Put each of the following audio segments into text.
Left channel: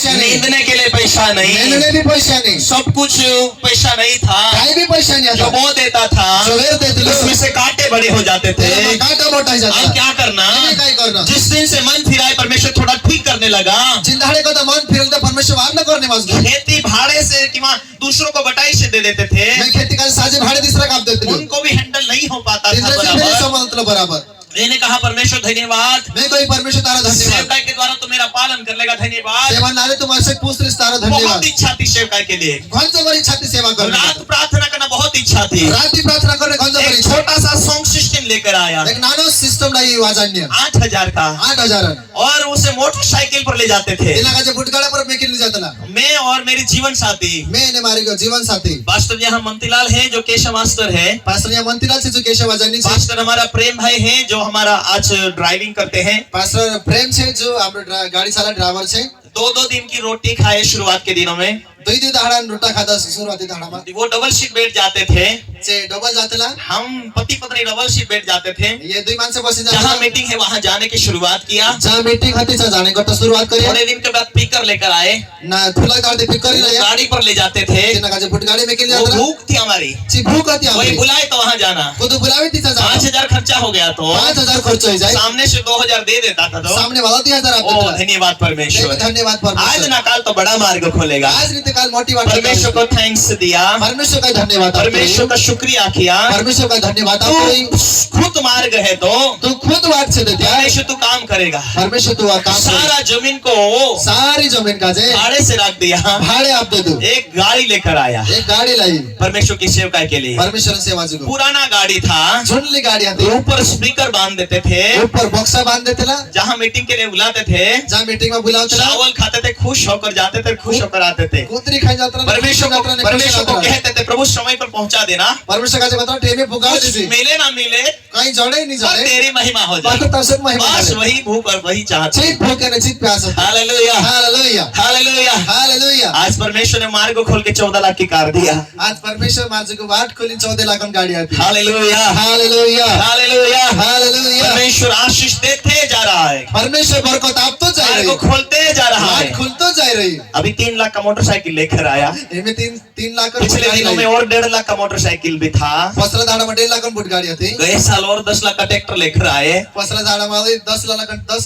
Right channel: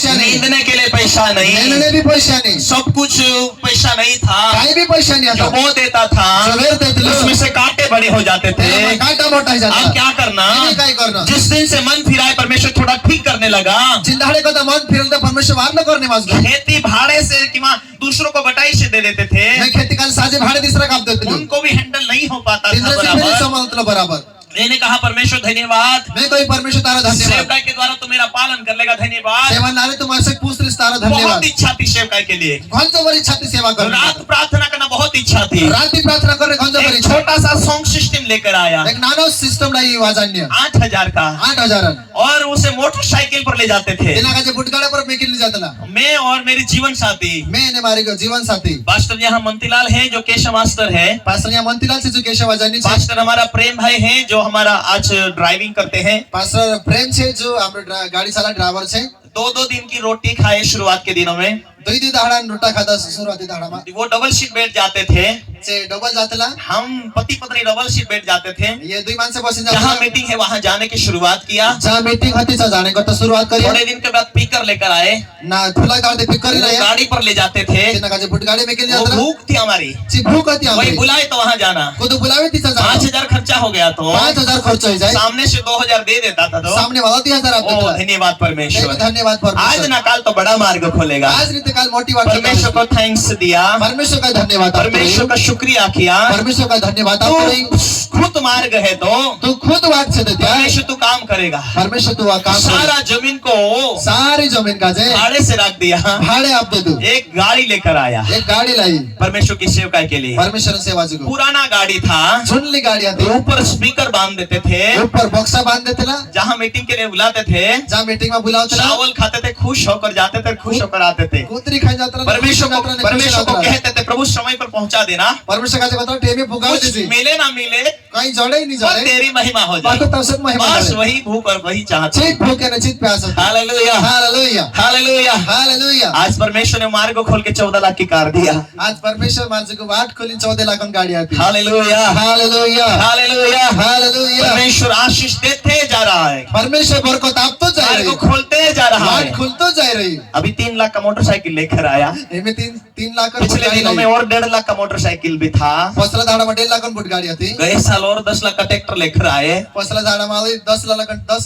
पैसा नहीं, नींदने के लिए पैसा नहीं, नींदने भी पैसा नहीं, सब कुछ पैसा नहीं था, कहीं भी पैसा नहीं जो आता, वो देता था जो वेर देते लो, उसमें से कांटे बड़े हो जाते थे। कांटा मोटा हो जाता। अब क्या करना, काय करना, जिस दिन से मन फिराए परमेश्वर थोड़ा ठीक करने लगा, जिंदाड़े को तो मन फिरल तो परमेश्वर वार न करने वाला, खेती भाड़े से कि दूसरों को बटाई से दे देते थे, मैं खेती का साजे भाड़े तीसरा काम देते लो, उनको भी हैंडल नहीं हो पाता था बराबर, बराबर। मैंने कहा परमेश्वर धन्यवाद, मैं कोई परमेश्वर तारा धन्यवाद, सेवकाई के द्वारा तो मेरा पालन कर लेगा, धन्यवाद। सेवा नारे तुम ऐसे पूछ रहे तारा धन्यवाद, बहुत इच्छा थी सेवकाई के लिए, कौन सा बड़ी इच्छा थी सेवा करने, रात प्रार्थना करना बहुत इच्छा थी, रात की प्रार्थना करने कौन सा बड़ी एक छोटा सा साउंड सिस्टम लेकर आया, एक नाना सिस्टम लाई वाजान्य 8,000 का, 8,000 और उसे मोटरसाइकिल पर ले जाते थे। इला का जो बुटगाड़ा पर मैं किन ले जाता ना, मैं और मेरे जीवन साथी, मैंने मारे को जीवन साथी पास्टर यहाँ मंतीलाल है जो केशव मास्टर है, पास्टर यहाँ मंतीलाल से जो केशव वाजान्य, पास्टर हमारा प्रेम भाई है जो हमारा आज ड्राइविंग करते हैं, पास्टर प्रेम से जो हम गाड़ी साला ड्राइवर से 2-2 दिन की रोटी खाए शुरुआत के दिनों में, 2 दाड़ा रोटा खाता शुरुआती दाड़ा में, वो डबल सीट बैठ जाते थे, से डबल जातेला, हम पति पत्नी डबल सीट बैठ जाते थे, ये 2 मानसे बसे जहाँ जाते, मीटिंग है वहाँ जाने की शुरुआत किया, जहाँ मीटिंग होती है जाने को तो शुरुआत करी, थोड़े दिन के बाद पिकर लेकर आए ना खुला गाड़ी पिक कर लिया, गाड़ी पर ले जाते थे, इना का जो बुटगाड़ी में किन वो जाता, भूख थी हमारी, ची भूख आती वही हमारी, बुलाए तो वहाँ जाना, को तो बुलावे तीसा जाता, 5,000 खर्चा हो गया तो 5,000 खर्च हो जाए, सामने से 2,000 दे देता था तो सामने वाला 3,000 आप ओ धन्यवाद परमेश्वर, धन्यवाद आज परमेश्वर, ना काल तो बड़ा मार्ग खोलेगा, आज रीति काल मोटी बात, परमेश्वर को थैंक्स दिया, परमेश्वर का धन्यवाद, परमेश्वर का शुक्रिया किया, परमेश्वर का धन्यवाद, तू खुद मार्ग है तो तू खुद बात से देता है, परमेश्वर तू काम करेगा, परमेश्वर तू काम सारा जमीन को सारी जमीन का जे भाड़े से रख दिया, भाड़े आप दे दो, एक गाड़ी लेकर आया, एक गाड़ी लाई परमेश्वर की सेवकाई के लिए, परमेश्वर सेवा जो पुराना गाड़ी था, झुंडली गाड़ी आती, ऊपर स्पीकर बांध देते थे, ऊपर बक्सा बांध देते ला, जहाँ मीटिंग के लिए बुलाते थे, जहाँ मीटिंग में बुलाते ला, चावल खाते थे, खुश होकर जाते थे, खुश होकर आते थे, कुतरी खाई जाता, परमेश्वर को कहते थे प्रभु समय पर पहुंचा देना, परमेश्वर का जो बताओ टेबे पुकार कुछ दीजिए, मिले ना मिले कहीं जोड़े ही नहीं पर जोड़े, तेरी महिमा हो बात जाए, तो सब महिमा बस है, वही भूख और वही चाहते, चीत भूख है ना चीत प्यास है, हालेलुया हालेलुया, हालेलुया। हालेलुया, आज परमेश्वर ने मार्ग को खोल के 14 लाख की कार दिया, आज परमेश्वर मार्ग को बाट खोली 14 लाख की गाड़ी आती, हालेलुया हालेलुया, हालेलुया हालेलुया, परमेश्वर आशीष देते जा रहा है, परमेश्वर बरकत आप तो जा रही मार्ग को खोलते जा रहा है, खुलतो जा रही, अभी 3 लाख का मोटरसाइकिल लेकर आया, इनमें 3 लाख पिछले दिनों में और 1.5 लाख का मोटरसाइकिल भी था, पसला झाड़ा में 1.5 लाख बुट गाड़ी आती, गए साल और 10 लाख का ट्रैक्टर लेकर आए, पसला झाड़ा में 10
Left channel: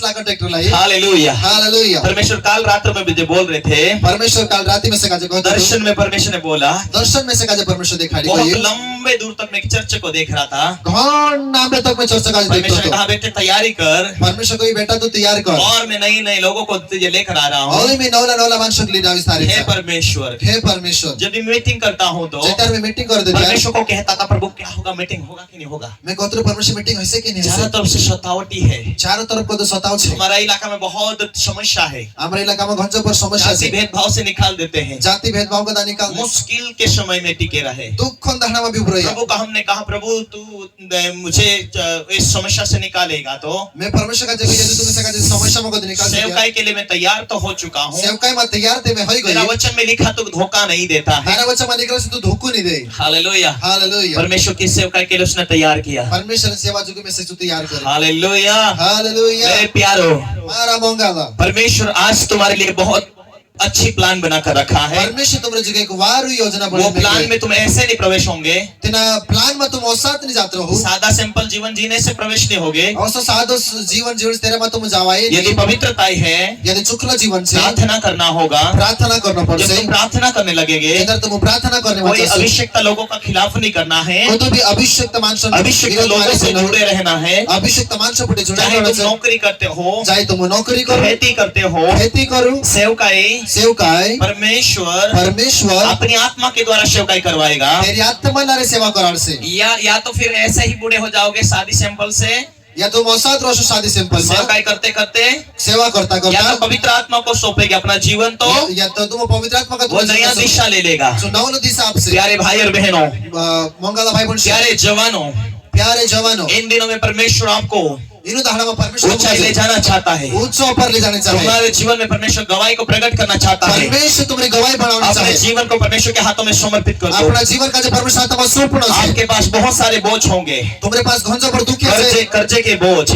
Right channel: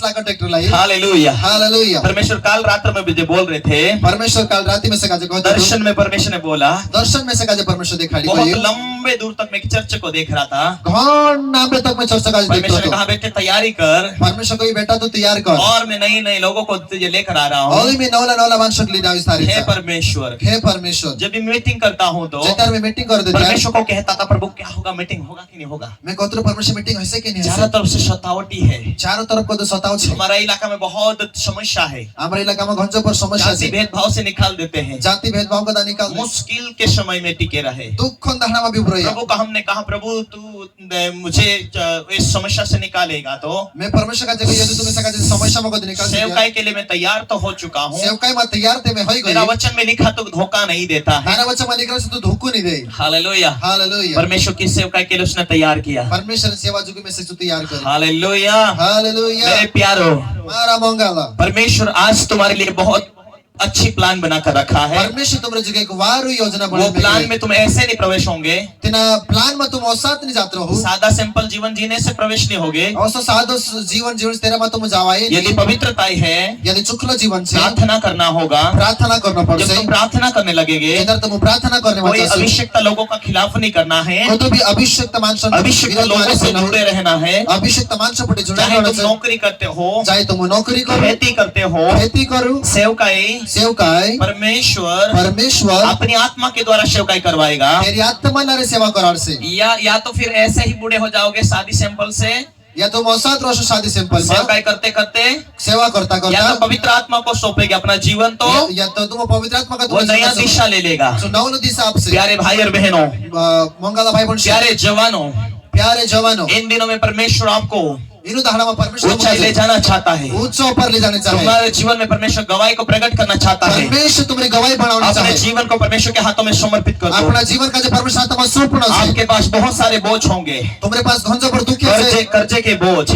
लाख ट्रैक्टर लाई, हालेलुया हालेलुया, परमेश्वर काल रात्र में मुझे बोल रहे थे, परमेश्वर काल रात में से काजे कहते दर्शन में परमेश्वर ने बोला, दर्शन में से काजे परमेश्वर दिखाई बहुत दिया, लंबे दूर तक मैं एक चर्च को देख रहा था, घन नाम तक मैं चर्चा काजे परमेश्वर ने देखता कहा बेटे तैयारी कर, परमेश्वर को बेटा तू तैयार कर, और मैं नई लोगों को तुझे लेकर आ रहा और हूँ, मैं नौला मानसक ले जाऊं इस तारीख हे परमेश्वर, हे परमेश्वर, जब भी मीटिंग करता हूँ तो जेतर में मीटिंग कर देता परमेश्वर को कहता था प्रभु क्या होगा, मीटिंग होगा कि नहीं होगा, मैं कहता हूं परमेश्वर मीटिंग ऐसे कि नहीं चारों ऐसे, तरफ से सतावटी है, चारों तरफ को तो सताव छे, हमारा इलाका में बहुत समस्या है, हमारे इलाका में घंजो पर समस्या जाति है, भेदभाव से निकाल देते हैं, जाति भेदभाव का निकाल दे, मुश्किल के समय में टिके रहे, दुख खन दहना में भी उभरे, प्रभु का हमने कहा प्रभु तू मुझे इस समस्या से निकालेगा तो मैं परमेश्वर का जगह यदि तुम्हें सका समस्या में को निकाल दे, सेवकाई के लिए मैं तैयार तो हो चुका हूँ, सेवकाई में तैयार थे मैं होई मेरा गई, वचन में लिखा तो धोखा नहीं देता है, मेरा बच्चा मालिक से तू धोखो नहीं दे, हालेलुया हालेलुया, परमेश्वर की सेवकाई के लिए उसने तैयार किया, परमेश्वर सेवा जुगे में से तू तैयार कर, हालेलुया हालेलुया, मेरे प्यारो, मारा मंगाला, परमेश्वर आज तुम्हारे लिए बहुत अच्छी प्लान बनाकर रखा है, परमेश्वर तुम्हारे जुगे एक वारू योजना वो बना, प्लान में तुम ऐसे नहीं प्रवेश होंगे, तेना प्लान में तुम औसत नहीं जाते रहो, सादा सिंपल जीवन जीने से प्रवेश नहीं होगे, औसत सादो जीवन जीवन तेरे में तुम जावाए, यदि पवित्रता है, यदि चुकला जीवन से प्रार्थना करना होगा, प्रार्थना करना जब पड़से, तुम प्रार्थना करने लगेगे, इधर तुम प्रार्थना करने कोई वाले अभिषेकता लोगों का खिलाफ नहीं करना है, को तो भी अभिषेक मानस अभिषेक लोगों से जुड़े रहना है, अभिषेक मानस पटे जुड़ा चाहे तुम नौकरी करते हो, चाहे तुम नौकरी करो, खेती करते हो, खेती करो, सेवकाई सेवकाई परमेश्वर अपनी आत्मा के द्वारा सेवकाई करवाएगा, तेरी आत्मा लारे सेवा करार से, या तो फिर ऐसे ही बूढ़े हो जाओगे शादी सिंपल से, या तुम औसत रोशो शादी सिंपल सेवकाई करते करते सेवा करता या करता, तो पवित्र आत्मा को सौंपेगे अपना जीवन, तो या तो तुम पवित्र आत्मा का वो नया दिशा ले लेगा। नौन दिशा आपसे प्यारे भाई और बहनों, मंगला भाई बहन, प्यारे जवानों, प्यारे जवानों, इन दिनों में परमेश्वर आपको इनु दाहडामा परमेश्वर ऊंचाई ले जाना चाहता है। ऊंचा ऊपर ले जाने चाहे तुम्हारे जीवन में परमेश्वर गवाही को प्रकट करना चाहता है। परमेश्वर तुम्हारी गवाही बनाउन अपने चाहे जीवन को परमेश्वर के हाथों में समर्पित कर दो। अपना जीवन का जो परमेश्वर हातमा सुपूर्ण छ आपके पास बहुत सारे बोझ होंगे, तुम्हारे पास घंजो पर दुख है कर्जे के बोझ,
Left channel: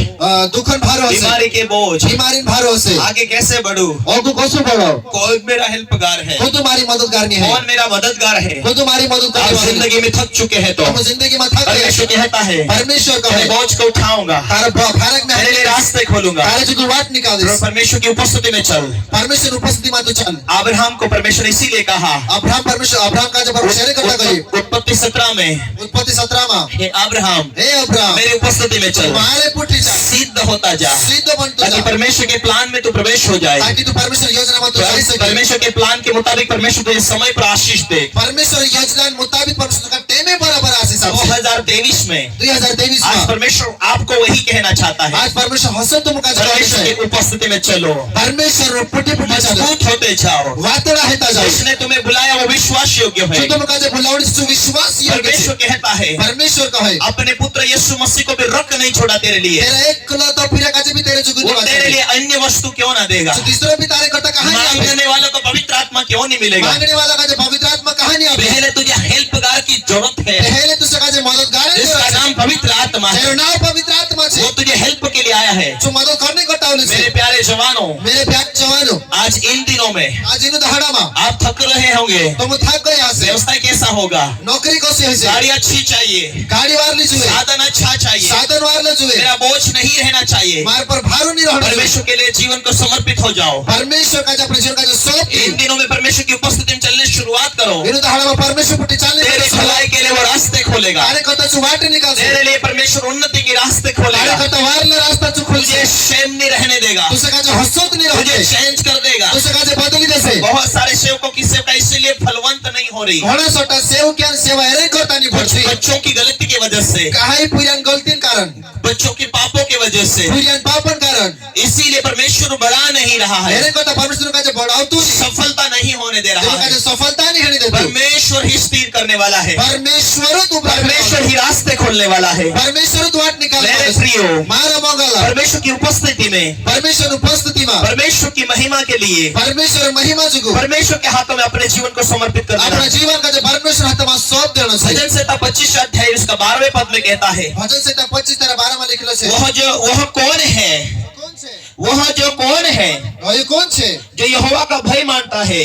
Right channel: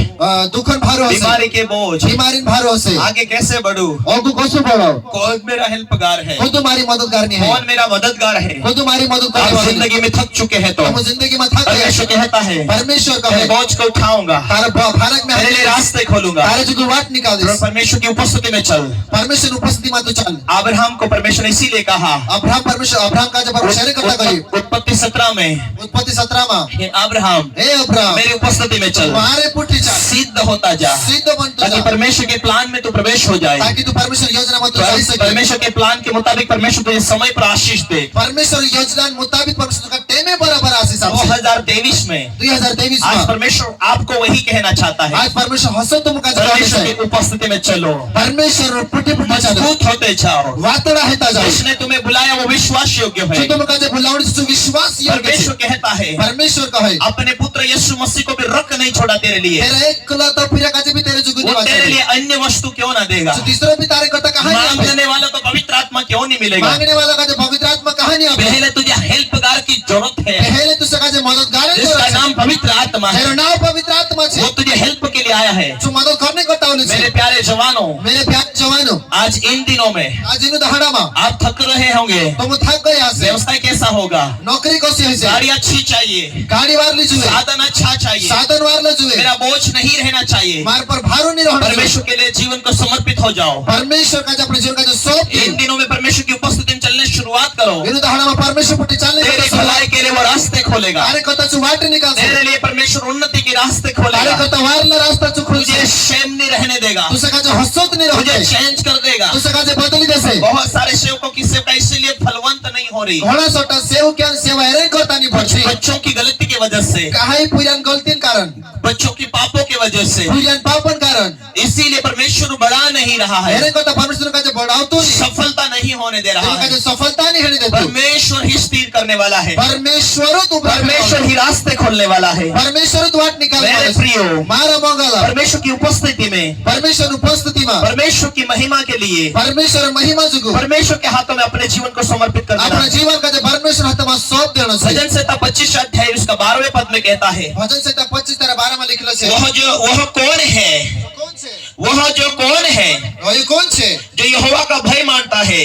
दुखन भारो हसे बीमारी के बोझ, बीमारी भारो हसे आगे कैसे बढ़ूं, औको कसो बढो कौन मेरा हेल्पगार है, को तुम्हारी मदद करनी है कौन मेरा मददगार है। को तुम्हारी मदद आप करने वाला जिंदगी में थक चुके हैं तो तुम जिंदगी में थक गए परमेश्वर कहता है परमेश्वर का मैं है बोझ को उठाऊंगा, तारा भारत में तेरे लिए रास्ते खोलूंगा, तारे जो वाट निकाल दे परमेश्वर की उपस्थिति में चल। परमेश्वर उपस्थिति में तो चल। अब्राहम को परमेश्वर इसीलिए कहा, अब्राहम परमेश्वर अब्राहम का जब परमेश्वर करता गई उत्पत्ति 17 में, उत्पत्ति 17 में हे अब्राहम हे अब्राहम मेरी उपस्थिति में चल, तुम्हारे पुटी जा सिद्ध होता जा, सिद्ध बनता ताकि जा परमेश्वर के प्लान में तू प्रवेश हो जाए, ताकि तू परमेश्वर योजना में तो जा सके। परमेश्वर के प्लान के मुताबिक परमेश्वर तुझे समय पर आशीष दे। परमेश्वर योजना मुताबिक परमेश्वर का टेमे बराबर आशीष आपसे 2023 में 2023 आज में परमेश्वर आपको वही कहना चाहता है, आज परमेश्वर हसो तुम का परमेश्वर की उपस्थिति में चलो, परमेश्वर पुटी पुटी चलो मजबूत होते जाओ। वातड़ा हेता जाओ जिसने तुम्हें बुलाया वो विश्वास योग्य है। जो तुम का जो बुलावड़ी से विश्वास योग्य परमेश्वर है कहता है परमेश्वर का है अपने पुत्र यीशु मसीह को भी रख नहीं छोड़ा तेरे लिए, तेरा एक कुला तो फिर का भी तेरे जुगुनी वो तेरे लिए अन्य वस्तु क्यों ना देगा, तो तीसरा भी तारे करता कहां नहीं मांगने वालों को पवित्र आत्मा क्यों नहीं मिलेगा। मांगने वाला का जो पवित्र आत्मा कहां नहीं आवे पहले तुझे हेल्पगार की जरूरत है, पहले तो सका जो मददगार है जिसका नाम पवित्र आत्मा है, तेरा नाम पवित्र आत्मा वो है तुझे हेल्प के लिए आया है। जो मदद करने को तावले से मेरे प्यारे जवानों, मेरे प्यारे जवानों आज इन दिनों में आज इन दहाड़ा में आप थक रहे होंगे, तुम थक गए यहाँ से व्यवस्था कैसा होगा, नौकरी कैसी है गाड़ी अच्छी चाहिए, गाड़ी वार ली जुए साधन अच्छा चाहिए, साधन वार ले जुए मेरा बोझ नहीं रहना चाहिए। मार पर भारो नहीं रहना परमेश्वर के लिए जीवन को समर्पित हो जाओ। परमेश्वर का जो अपने जीवन का जो सौंप इन दिनों में परमेश्वर की उपस्थिति में चलने शुरुआत करो, इन दहाड़ा में परमेश्वर पुटी चलने तेरे भलाई के लिए वो रास्ते खोलेगा, तारे कता चुवाट निकाल दे तेरे लिए परमेश्वर उन्नति के रास्ते तारे खोलेगा, कता वार ले रास्ता चु खुल तुझे शेम नहीं रहने देगा, तुसे का जो हसत नहीं तुझे रहते चेंज कर देगा। तुसे का जो बदली देसे बहुत सारे सेवकों की सेवका इसलिए फलवंत नहीं हो रही, घोड़ा सोटा सेव क्या सेवा एरे करता नहीं पड़ती बच्चों की गलती की वजह से, काहे पुरान गलतीन कारण बच्चों के पापों की वजह से, पुरान पापन कारण इसीलिए परमेश्वर बढ़ा नहीं रहा है, एरे कता परमेश्वर का जो बढ़ाओ तो सफलता नहीं होने दे रहा तेरे का है। जो सफलता नहीं होने देता परमेश्वर ही स्थिर करने वाला है, परमेश्वर तो परमेश्वर ही रास्ते खोलने वाला है। परमेश्वर तो वाट निकाल मेरे प्रियो, मारा मंगला परमेश्वर की उपस्थिति में, परमेश्वर उपस्थिति में परमेश्वर की महिमा के लिए, परमेश्वर महिमा जुगु परमेश्वर के हाथों में अपने जीवन को समर्पित करना। अपना जीवन का जो परमेश्वर हाथ में सौंप देना चाहिए। भजन संहिता 25 अध्याय उसका 12वें पद में कहता है, भजन संहिता 25 तरह 12 में लिखलो छे वह कौन है, कौन छे वह जो कौन है वही कौन छे जो यहोवा का भय मानता है,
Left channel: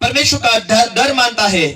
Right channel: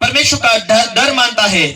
परमेश्वर का डर मानता है,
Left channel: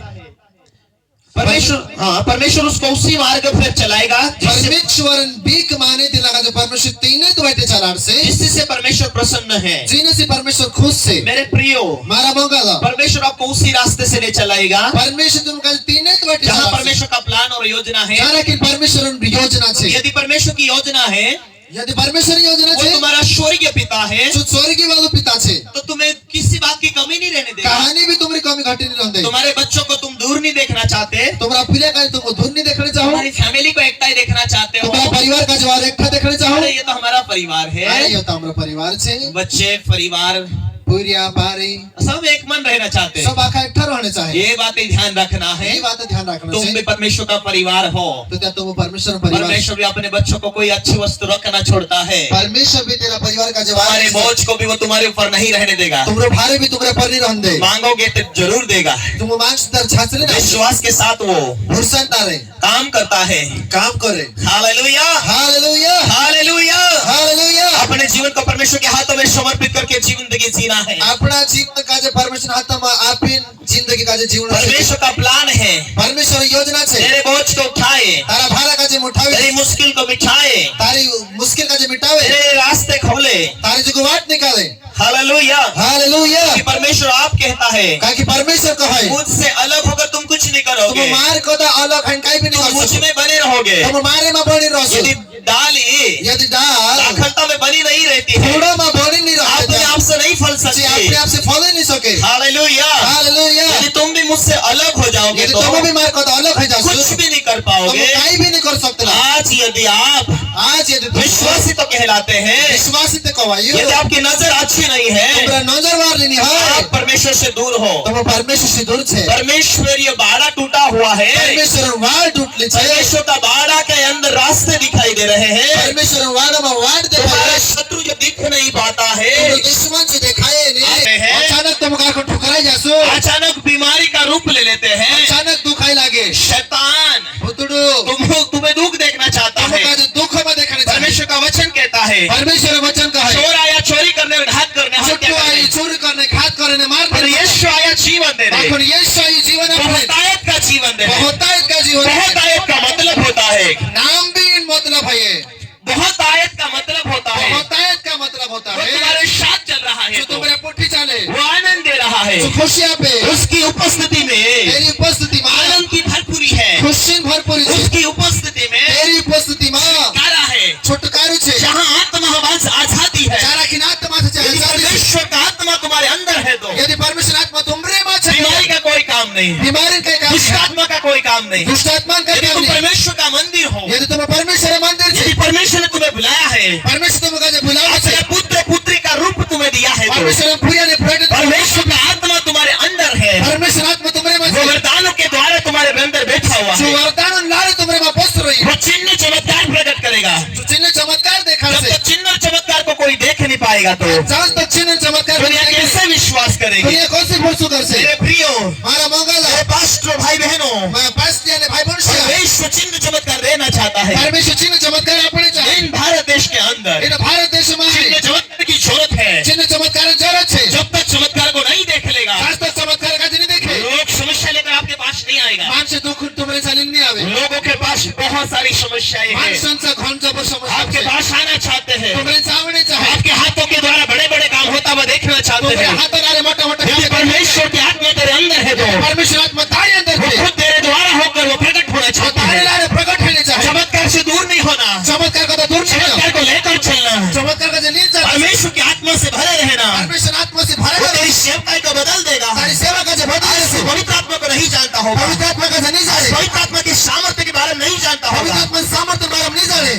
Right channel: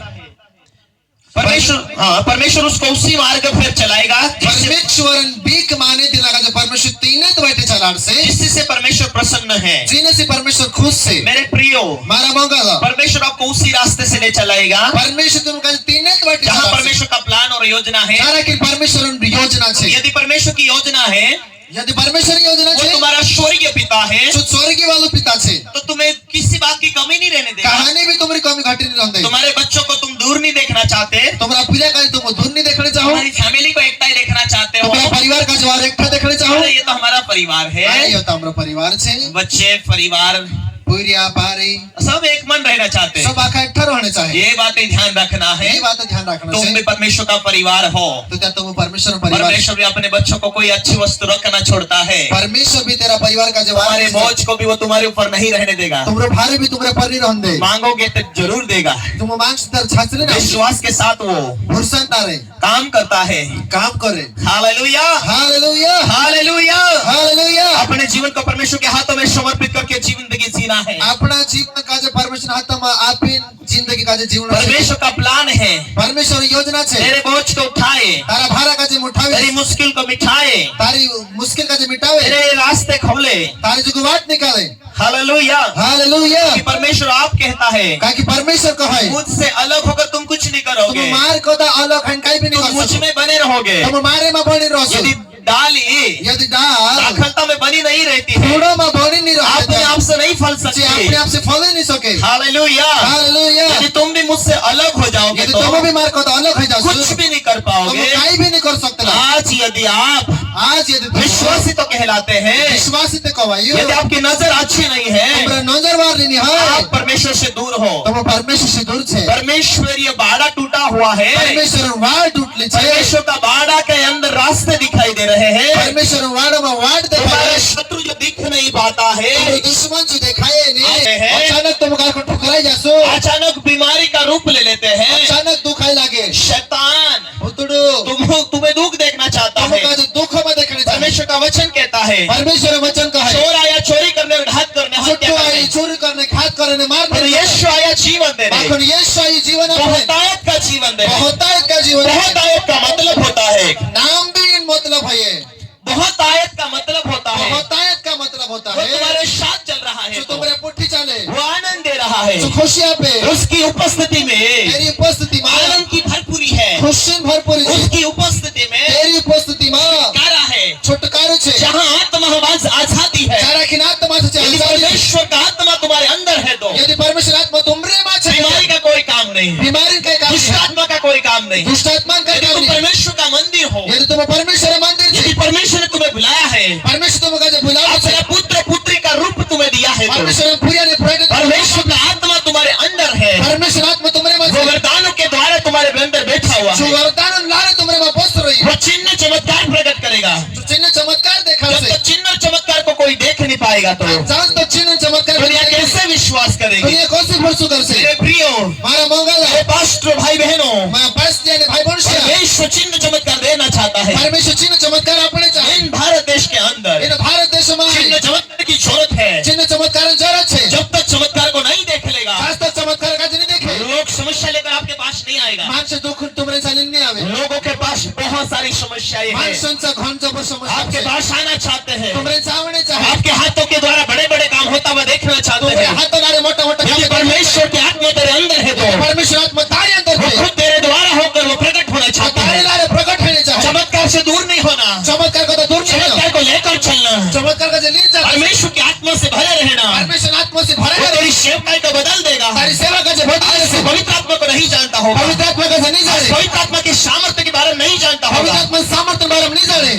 परमेश्वर उसको उसी मार्ग पर चलाएगा परमेश्वर बीक माने दिला का जो परमेश्वर तीने तो बैठे चलाड़ से जिससे परमेश्वर प्रसन्न है। जीने से परमेश्वर खुश से मेरे प्रियो, मारा मंगला परमेश्वर आपको उसी रास्ते से ले चलाएगा परमेश्वर तुमका तीने तो बैठे जहाँ चलाड़ से परमेश्वर का प्लान और योजना है। जाना कि परमेश्वर उन योजना छे यदि परमेश्वर की योजना है, यदि परमेश्वर योजना वो छे तुम्हारा स्वर्गीय पिता है, जो स्वर्गीय वाला पिता छे तो तुम्हें किसी बात की कमी नहीं रहने देगा। कहानी भी तुम्हारी कमी घटी नहीं रहते तुम्हारे बच्चों को तुम दूर नहीं देखना चाहते, तुम्हारा पिले का तुम धुन नहीं देखने चाहो तुम्हारी फैमिली को एकता ही देखना चाहते हो। तुम्हारा परिवार का जो एकता देखने चाहो अरे ये तो हमारा परिवार अरे है, यो तो हमारा परिवार छे बच्चे परिवार पूरिया बारी सब एक मन रहना चाहते हैं। सब आखा इकट्ठा रहने चाहिए ये बातें ध्यान रखना है, यही बात ध्यान रखना तुम भी चाहिए परमेश्वर का परिवार हो। तो क्या तुम परमेश्वर परिवार परमेश्वर भी अपने बच्चों को कोई अच्छी वस्तु रखना छोड़ता है, परमेश्वर भी तेरा परिवार का जवाब तुम्हारे बोझ को भी वो तुम्हारे ऊपर नहीं रहने देगा। तुमरो भारे भी तुम्हारे पर नहीं रहन दे मांगोगे तो जरूर देगा, तुम मांग तर छाछले ना विश्वास के साथ वो भरसन तारे काम करता है। काम करे हालेलुया, हालेलुया हालेलुया। हालेलुया अपने जीवन को परमेश्वर के हाथों में समर्पित करके जिंदगी जीना है। अपना जीवन का जो परमेश्वर हाथ में आपन जिंदगी का जो जीवन है परमेश्वर का प्लान है, परमेश्वर योजना छे तेरे बोझ को उठाए, तारा भारा का जो उठावे तेरी मुश्किल को मिटाए, तारी मुश्किल का जो मिटावे तेरे रास्ते खोले। तारी जो वाट निकाले हालेलुया, हालेलुया कि परमेश्वर आप कहता है का कि परमेश्वर को है मुझसे अलग होकर तुम कुछ नहीं तुम करोगे, मार को दा अलग हन काई भी नहीं तुम कर मुझ सकते में बने रहोगे। तुम मारे में बनी रहो यदि डाली यदि डाल दाखलता में बनी नहीं रहती है, थोड़ा में बनी नहीं अपने रहते आप से नहीं फल जी सकती। अपने आप से फल ही नहीं सके हालेलुया, हालेलुया यदि तुम भी मुझसे अलग हो जाओगे यदि तो तुम भी मार को दा अलग है जाओ कुछ भी नहीं कर तुम पाओगे। काई भी नहीं कर सकते आज यदि आप आज यदि तुम विश्वासी तो कहलाते हैं, विश्वासी ते कवायो यदि आपकी नजर अच्छी नहीं है, तुमरा नजर वार नहीं है आप परमेश्वर से दूर हो। तुम परमेश्वर से दूर छे परमेश्वर ये बाड़ा टूटा हुआ है, परमेश्वर वाड उठले छे परमेश्वर का बाड़ा के अंदर रास्ते दिखाई दे रहे हैं। परमेश्वर वाडमा वाड देखाय तुम्हारे शत्रु जो दिख नहीं पाता है, दुश्मन जी देखाए ने आते हैं। अचानक तुम गाको ठुकराई जासो अचानक बीमारी का रूप ले लेते हैं। अचानक दुखाई लागे शैतान भुतड़ो तुम्हें दुख देखना चाहता तुम है। का जो दुख में देखने चाहे परमेश्वर का वचन कहता है, परमेश्वर वचन का है चोर आया चोरी करने और घात करने, हत्या चुट्टू करने, आई चोरी करने घात करने मार पर यीशु आया जीवन देने, लेकिन यीशु आई जीवन अपने बहुतायत का जीवन देने। बहुतायत का जीवन बहुतायत का मतलब होता है, नाम भी मतलब है बहुतायत का मतलब होता है बहुतायत का मतलब होता वो है तुम्हारे साथ चल रहा है, जो तुम्हारे पुट्ठी चले वो आनंद दे रहा है, जो खुशियां पे उसकी उपस्थिति में तेरी उपस्थिति में आनंद की भरपूरी है, खुशी भरपूर है उसकी उपस्थिति में तेरी उपस्थिति में छुटकारा है, छुटकारो छे जहाँ आत्मा आजादी है। जरा कि आत्मा से यदि आजादी परमेश्वर का आत्मा तुम्हारे अंदर है तो यदि परमेश्वर आत्मा तुमरे में छे बीमारी का कोई काम नहीं, बीमारी का काम दुष्ट आत्मा का कोई काम नहीं। दुष्ट आत्मा का यदि काम तुम नहीं परमेश्वर का मंदिर हो, यदि तुम परमेश्वर मंदिर छे यदि परमेश्वर ने तुम्हें बुलाया है, परमेश्वर तुमका जे बुलावे छे अपने पुत्र पुत्री का रूप तुम्हें दिया है, तो परमेश्वर पूरी ने प्रेरित परमेश्वर का आत्मा तुम्हारे अंदर है, परमेश्वर आत्मा तुमरे में वो छे वरदानों के द्वारा तुम्हारे अंदर बैठा हुआ जो है, वरदान लारे तुमरे में बस रही वो चिन्ह चमत्कार प्रकट करेगा। जो चिन्ह चमत्कार देखा जब से तक चिन्ह और चमत्कार को कोई देख नहीं पाएगा तो जब तक चिन्ह चमत्कार दुनिया कैसे विश्वास करेगी? दुनिया कौन सी भरोसा कर से मेरे प्रियो, मारा मंगल मेरे पास्टर भाई बहनों, मैं बस ने भाई बन से परमेश्वर चिन्ह चमत्कार देना चाहता है परमेश्वर चिन्ह चमत्कार अपने चाहे इन भारत देश के अंदर। इन भारत देश में चिन्ह चमत्कार की जरूरत है। चिन्ह चमत्कार जरूरत है जब तक चमत्कार को नहीं देख लेगा, आज तक चमत्कार का नहीं देखे लोग समस्या लेकर आपके पास नहीं आएगा। मान से दुख तुम्हारे साथ नहीं आवे लोगों के पास बहुत सारी समस्याएं मान हैं, संसा घन जब समस्या आपके पास आना चाहते हैं, तुम्हारे सामने चाहे आपके हाथों के द्वारा बड़े बड़े काम होता हुआ देखना चाहते तुम्हारे हैं। हाथ लारे मोटा मोटा यदि परमेश्वर की आत्मा तेरे अंदर है तो परमेश्वर आत्मा तारे अंदर वो है खुद तेरे द्वारा होकर वो प्रकट होना चाहता तारे है। लारे प्रकट होने चाहे चमत्कार से दूर नहीं होना, चमत्कार का तो दूर नहीं चमत्कार को लेकर चलना, चमत्कार का नहीं चाहता परमेश्वर की आत्मा से भरे रहना, परमेश्वर आत्मा से भरे वो रहे तेरी सेवकाई को बदल देगा। तारी सेवा का जब बदल से पवित्र आत्मा को नहीं जानता होगा, पवित्र आत्मा का नहीं जाने पवित्र आत्मा की सामर्थ्य के बारे में नहीं जानता पवित्र होगा। आत्मा सामर्थ्य बारे में नहीं जाने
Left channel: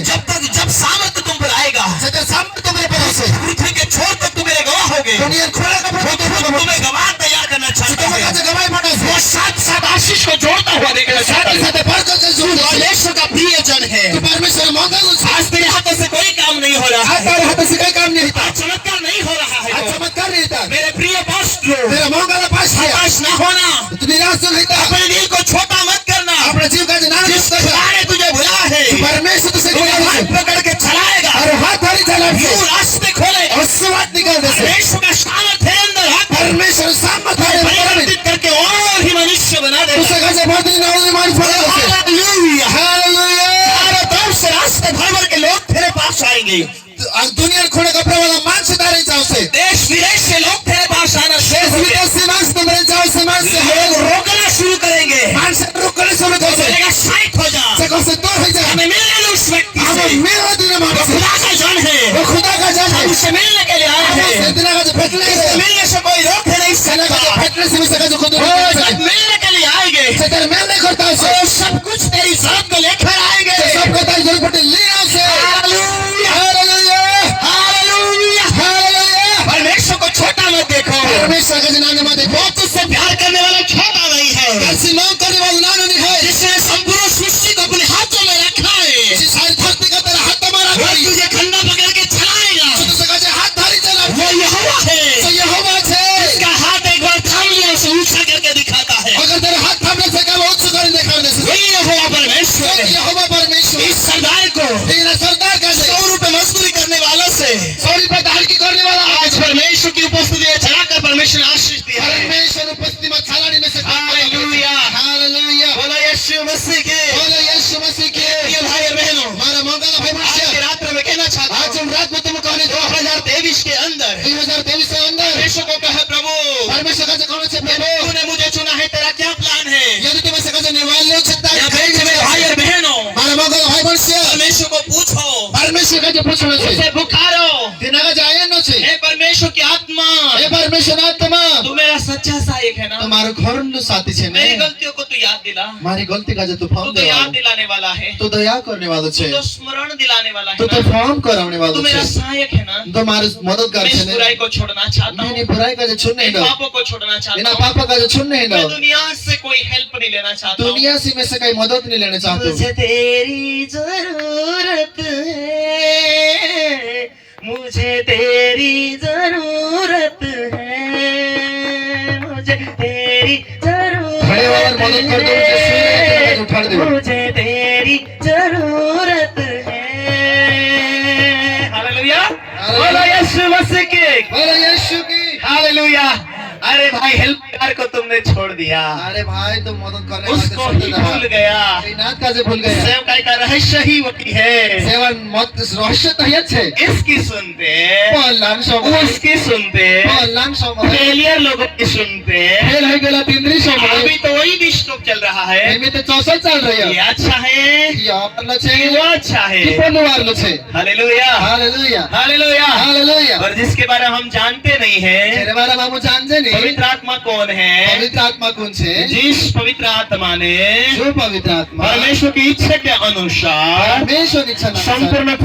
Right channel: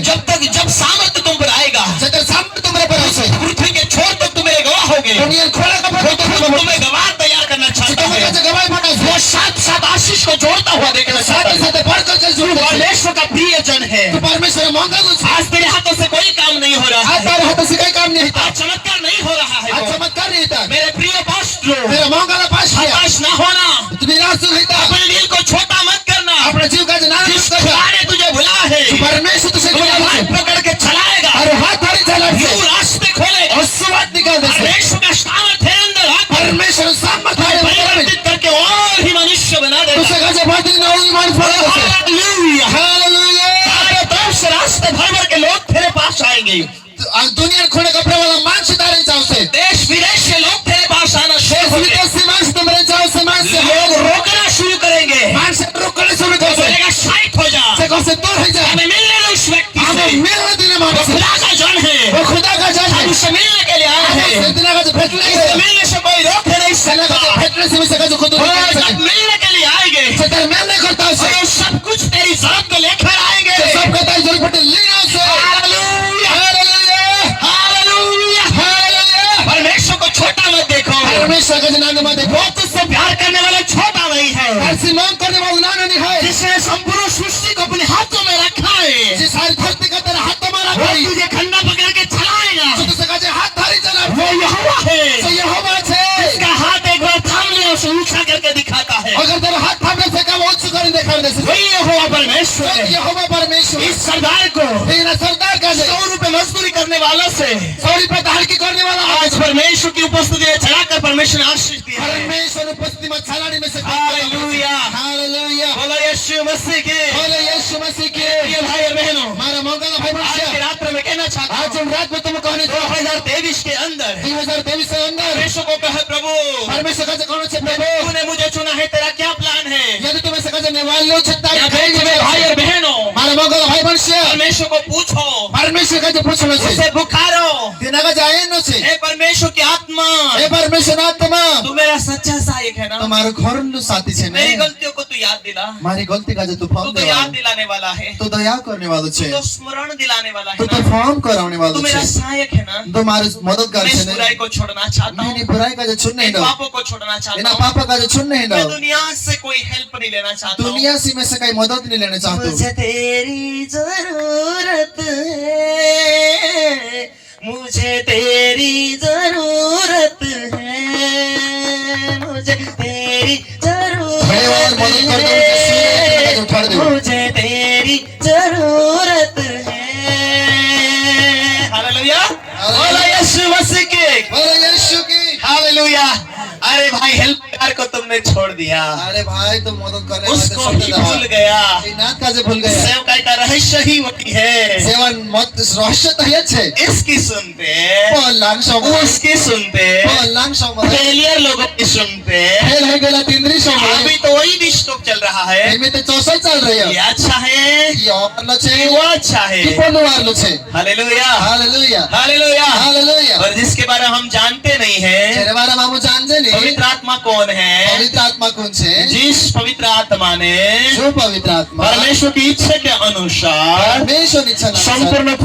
जब सामर्थ्य तुम पर आएगा, जब सामर्थ्य तुम्हारे पास है पृथ्वी के छोर तक तुम्हें गवाह होगे, दुनिया खोला का वो तुम्हें गवाह तैयार करना चाहता है। तुम्हारे गवाही पड़ा वो साथ साथ आशीष को जोड़ता हुआ देखना चाहता है। साथ बरकत से जुड़ परमेश्वर का प्रिय जन है। तो परमेश्वर मांगा कुछ आज तेरे हाथों से कोई काम नहीं हो रहा आज है, तारे हाथ से कोई काम नहीं था आज चमत्कार नहीं हो रहा है, आज चमत्कार नहीं था मेरे प्रिय पास्टर, तेरा मांगा ना पास किया हताश ना होना, तू निराश नहीं था अपने दिल को छोटा मत करना। अपने जीव का नाम जिस कर खुदा ने तुझे बुलाया है, परमेश्वर तुझे वो बुलाया हाथ है पकड़ के चलाएगा, और हाथ थारी चला यूं रास्ते खोलेगा। और सुवात निकाल दे परमेश्वर का सामर्थ्य है अंदर आकर परमेश्वर सामर्थ्य है परिवर्तित करके और ही मनुष्य बना देगा। तुझे कैसे बात नहीं ना मार पड़ा है हालेलुया। हालेलुया चारों तरफ से रास्ते भर भर के लोग तेरे पास आएंगे, आज दुनिया खोने कपड़े वाला मान से तारे चाव से देश विदेश से लोग तेरे पास आना शुरू देश होंगे। विदेश से मान से तुम्हारे चाव से मान से लोग रोकना शुरू करेंगे, मान से रोकने से भी दोस्त बोलेगा साइड हो जा, से कौन से दूर है जा हमें मिलने दो उस व्यक्ति हमें से, मिलने देना मान वो से खुदा का जन है, वो खुदा का जान है हम उससे मिलने के लिए आए हैं। इतना का जो फटने इससे मिलने से कोई रोक नहीं सेना का जो सकता। फटने से भी सका जो खुद वो जब मिलने के लिए आएंगे से तेरे मैं नहीं करता उसे और सब कुछ तेरी जात को लेकर आएंगे। सब का तारी जरूर फटे लिया से हालेलुया, हालेलुया हालेलुया। हालेलुया परमेश्वर को छोटा मत देखो, परमेश्वर का नाम में देखो वो तुझसे प्यार करने वाला छोटा नहीं है, ऐसी नाम करने वाला नाम नहीं है जिसने संपूर्ण सृष्टि को अपने हाथों में रखा है, जिस सारी धरती का तेरा हाथ तुम्हारा वो थारी तुझे खंडा पकड़ के चलाएगा। जो तुझे कहे हाथ थारी चला वो यहोवा है, तो यहोवा है इसका हाथ एक बार थाम लिया उसे ऊंचा करके दिखाता है। अगर तेरा हाथ थामने से कब उच्च कर दिखा दे से वही यहोवा परमेश्वर है। यहोवा परमेश्वर इस सरदार को तेरा सरदार का 100 रुपए मजदूरी करने वालों से 100 रुपए धार की करने वाला आज परमेश्वर की उपस्थिति में चढ़ाकर परमेश्वर ने आशीष दिया है। परमेश्वर उपस्थिति में छलाड़ी में से हालेलुया, हालेलुया बोलो यीशु मसीह के। बोलो यीशु मसीह के प्रिय भाई और बहनों, हमारा मंगल भाई आज की बच्चा रात में मैं कहना चाहता हूँ, आज हम रात में तुम कहने 2023 के अंदर 2023 के अंदर परमेश्वर को कहे, प्रभु परमेश्वर का कौन से प्रभु तूने मुझे चुना है, तेरा क्या प्लान है? यदि तुम्हें से कहे निर्वाण लो छत्ता या मेरे भाई और बहनों, हमारे मंगल भाई बच्चा परमेश्वर को पूछो, परमेश्वर का जो पूछना से उसे पुकारो, दिना का जाए न से हे परमेश्वर की आत्मा, हे परमेश्वर आत्मा तू मेरा सच्चा सहायक है ना, तुम्हारो घर नो साथी छे मेरी ने गलतियों को तू याद दिला, મારી ગલતી કાજે તું तू ફોર્મ तो याद દેવાનો, दिलाने वाला है, તું દયા કરને વાળો तू છે, तो स्मरण दिलाने वाला है તું તો ना, ફોર્મ કરાવને तू વાળો मेरा છે, सहायक है ना। તો મારી મદદગાર मैं છે इस ને। बुराई को छोड़ना चाहता મેં हूँ, એની બુરાઈ કાજે છૂટને इन હિંડાવ, पापों को छोड़ना चाहता એના हूँ, પાપા કાજે છૂટને मैं હિંડાવ, दुनिया से कोई हेल्प नहीं लेना चाहता हूँ। दुनिया से मैं से कई मदद नहीं लेने चाहता हूँ। मुझे तेरी जरूरत है, मुझे तेरी जरूरत है, मुझे तेरी बड़े बार मदद कर दो, जिससे उठा जरूरत दो। है, मुझे तेरी जरूरत है। हालेलुया, बोलो यीशु मसीह की बोलो यीशु की। हालेलुया। अरे भाई हेल्पकार को तुमने छोड़ दिया, अरे भाई तुम मदद करने वाले उसको छोड़ ही देता भूल गया। नाथ काजे भूल गया। सेवकाई का रहस्य ही वही है। सेवन मत रहस्य तो ये छे। इसकी सुनते, पहलान समय, उसकी सुनते, पहलान समय, फेलियर लोगों की सुनते। फेल हो गया तीनरी समय। अभी तो वही डिस्टर्ब चल रहा है। एमे तो 64 चल रही है। ये अच्छा है, ये वाला छे, वो अच्छा है। कि बोलो वाला छे। Hallelujah, hallelujah, hallelujah, hallelujah. और जिसके बारे में हम जानते नहीं है, तेरे बारे में हम जानते नहीं। पवित्र आत्मा कौन है? पवित्र आत्मा कौन छे? जिस पवित्र आत्मा ने जो पवित्र आत्मा परमेश्वर की इच्छा के अनुसार परमेश्वर इच्छा अनुसार संपूर्ण